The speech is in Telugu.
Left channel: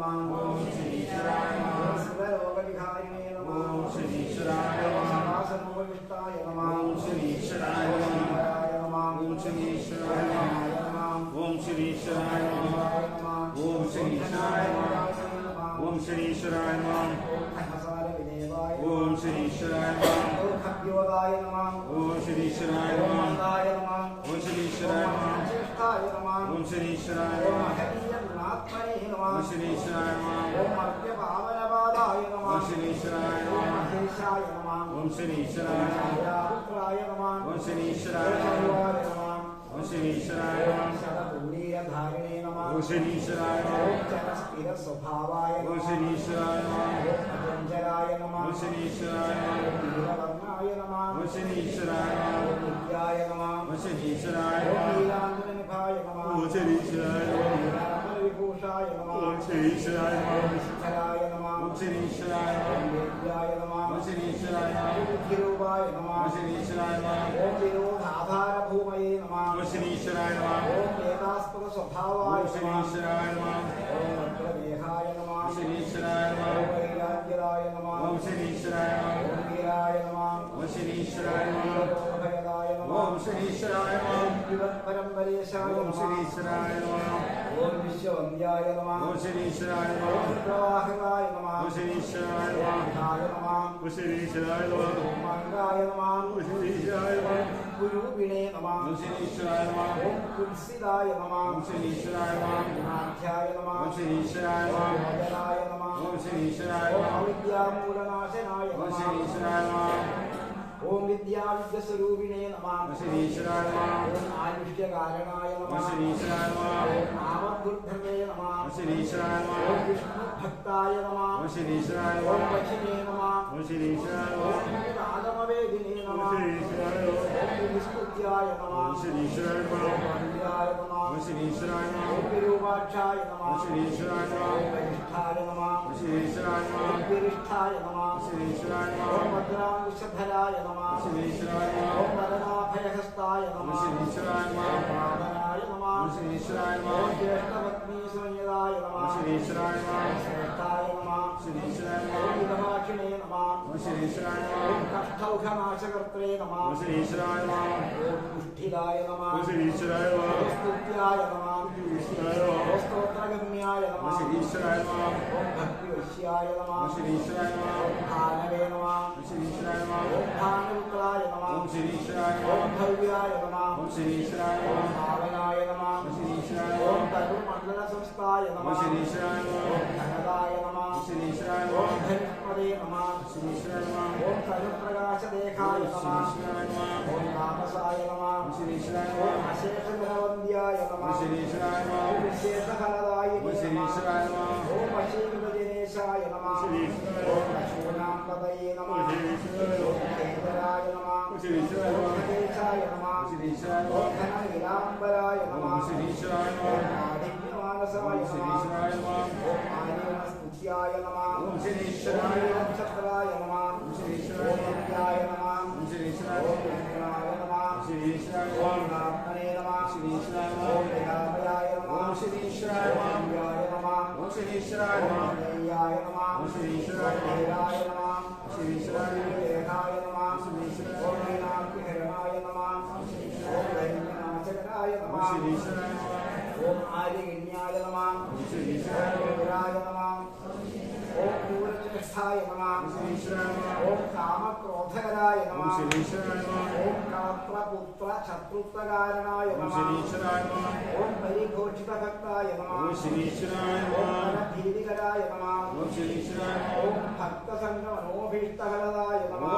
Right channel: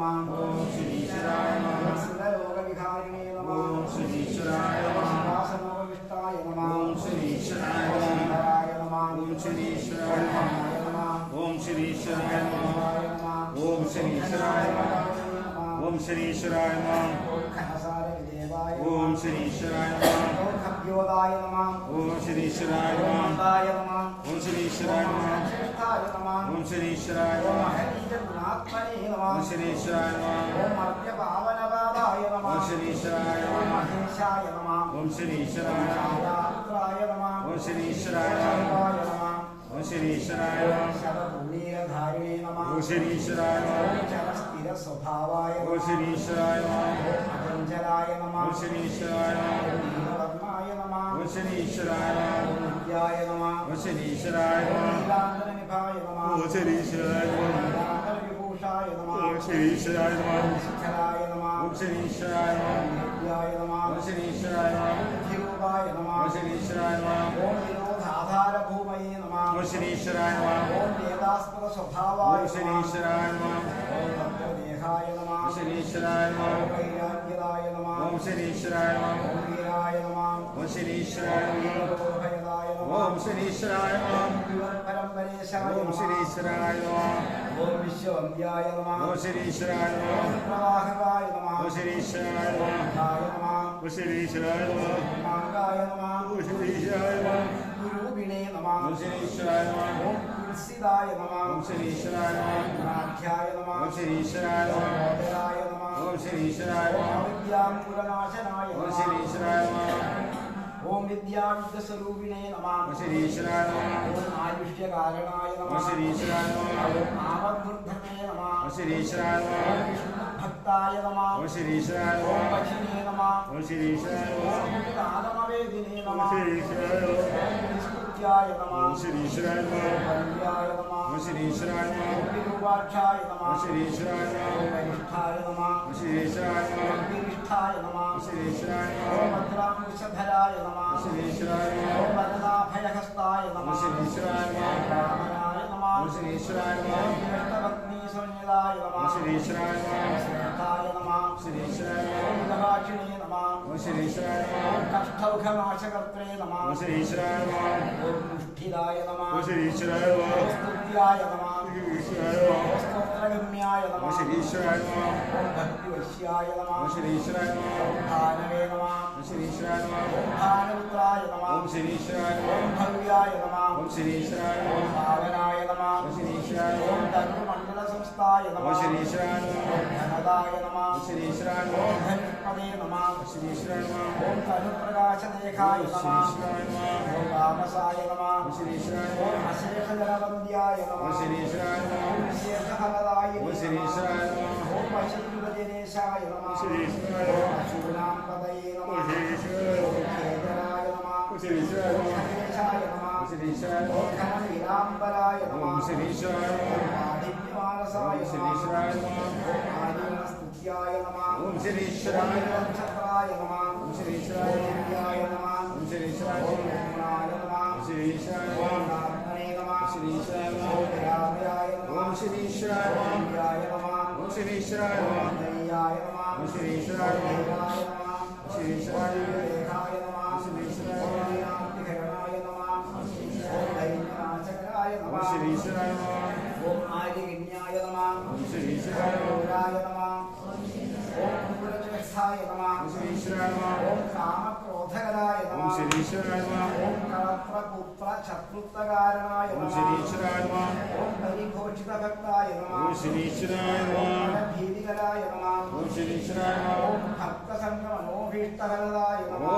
Namah ఓం శ్రీశ్వరాయ నమః ఓం నమః ఓం శ్రీశ్వరాయ ఓం నమః ఓం నమః ఓం శ్రీశ్వరాయ ఓం గుణాత్మనే ఓం నమః ఓం పావనపాదాయ ఓం నమః శ్రీశ్వరాయ ఓం నమః ചിര സ്വഭാവായ ശനീശ്വരായ അജഞ്ചലായ നമ ശനീശ്വരായ നീലവർണായ നമ ശനീശ്വരായ വിദ്യായ നമ ശനീശ്വരായ നീലാന്തരനിഭായ നമ ശനീശ്വരായ വിഭൂഷായ നമ ശനീശ്വരായ ശിഖരായ നമ ശനീശ്വരായ വിദ്യായ നമ ശനീശ്വരായ ബുദ്ധിരൂപായ നമ ശനീശ്വരായ ഓം നിരോധാധാരഭൂമയേ നമ ശനീശ്വരായ ഓം വേദാസ്പദ സ്വഭാവായ ശനീശ്വരായ നമ ശനീശ്വരായ ഓം ശനീശ്വരായ ഓം ശനീശ്വരായ ഓം ശനീശ്വരായ ഓം വിശ്വവന്ദ്യായ ഓം ശനീശ്വരായ പ്രവാഹകായ ഓം ശനീശ്വരായ ഓം ശനീശ്വരായ ഓമാങ്കായ ഓം ശനീശ്വരായ ഗുരുവിണേ നമഃ ഓം ശനീശ്വരായ ഓം തുളസിദായ നമഃ ഓം ശനീശ്വരായ ഓം ധ്യായ നമഃ ഓം ശനീശ്വരായ ഓം ओम श्री ईश्वराय विद्यामूलनाशनाय ओम श्री ईश्वराय। ओम विद्याविद्यस्वरूपिणे नमः। ओम श्री ईश्वराय। ओम आयुष्यकारणाय नमः। ओम श्री ईश्वराय। ओम नामदुर्धने नमः। ओम श्री ईश्वराय। ओम विष्णुभक्ताय नमः। ओम श्री ईश्वराय। ओम लक्ष्मी नमः। ഓം ശ്രീ ആഗമവേദിനേ നമ നിഷ്കൃത്യായ നമ ശ്രീശ്വരായ നമ നമ ശ്രീശ്വരായ നമ രൂപാക്ഷായ നമ ശ്രീശ്വരായ നമ പരിഷ്ഠായ നമ ശ്രീശ്വരായ നമ പരിഷ്ഠായ നമ ശ്രീശ്വരായ നമ ഭദ്രാം വിഷധരായ നമ ശ്രീശ്വരായ നമ ഭരതാഭയഹസ്തായ നമ ശ്രീശ്വരായ നമ രാമനായ നമ ശ്രീശ്വരായ നമ ജ്യേഷ്ഠഭഗ്നീ സംയുതായ നമ ശ്രീശ്വരായ നമ ശ്രദ്ധായ നമ ശ്രീശ്വരായ നമ കഷ്ടൗഘനാശകർത്തേ നമ ष्ठिदाय नमः। भक्तिवश्याय नमः ईश्वराय नमः। भानवे नमः। ईश्वराय नमः भानपुत्राय भव्याय नमः। ईश्वराय ధనుర్మండల సంస్థాయ ఓం నమః శ్రీశ్వరాయ నమః ఓం ధనదాయ నమః ఓం శ్రీశ్వరాయ ఓం నమః ధనుష్పదే నమః శ్రీశ్వరాయ నమః ఓం తనుప్రకాశదేహాయ నమః శ్రీశ్వరాయ నమః ఓం రామసాయ నమః ఓం శ్రీశ్వరాయ ఓం నమః అశేషధరవంద్యాయ ఓం నమః శ్రీశ్వరాయ ఓం నమః విశేషఫలదాయ ఓం నమః శ్రీశ్వరాయ నమః ఓం వశీకృతదినేశాయ నమః ఓం అశూనాంపదయే ఓం నమః శ్రీశ్వరాయ ఓం కేతరాయ నమః ఓం శ్రీశ్వరాయ ఓం నమః ఖగేశాయ నమః ఓం శ్రీశ్వరాయ ఓం నమః ఘననీలాంబరాయ ఓం నమః శ్రీశ్వరాయ ఓం నమః ఆదివ్యమానసాయ ఓం శ్రీశ్వరాయ నమః నమః ఓం ఆదివనస్తుత్యాయ నమః ఓం శ్రీశ్వరాయ ఓం నమః నక్షత్రాయ నమః ఓం శ్రీశ్వరాయ ఓం నమః విద్యాయ నమః ఓం శ్రీశ్వరాయ ఓం నమః రుద్రాయ నమః ఓం శ్రీశ్వరాయ ఓం నమః ఆత్మనే నమః శ్రీశ్వరాయ ఓం నమః దయామయాయ నమః ఓం క్రూరచేష్టాయ నమః. ఓం శ్రీశ్వరాయ నమః. ఓం కళత్రపుత్ర శత్రుత్వకారణాయ నమః. ఓం పరిఘోషితభక్తాయ నమః. ఓం శ్రీశ్వరాయ ఓం నమః. భీతికరాయ నమః. ఓం భక్తసంగమనోభీష్టఫలదాయ నమః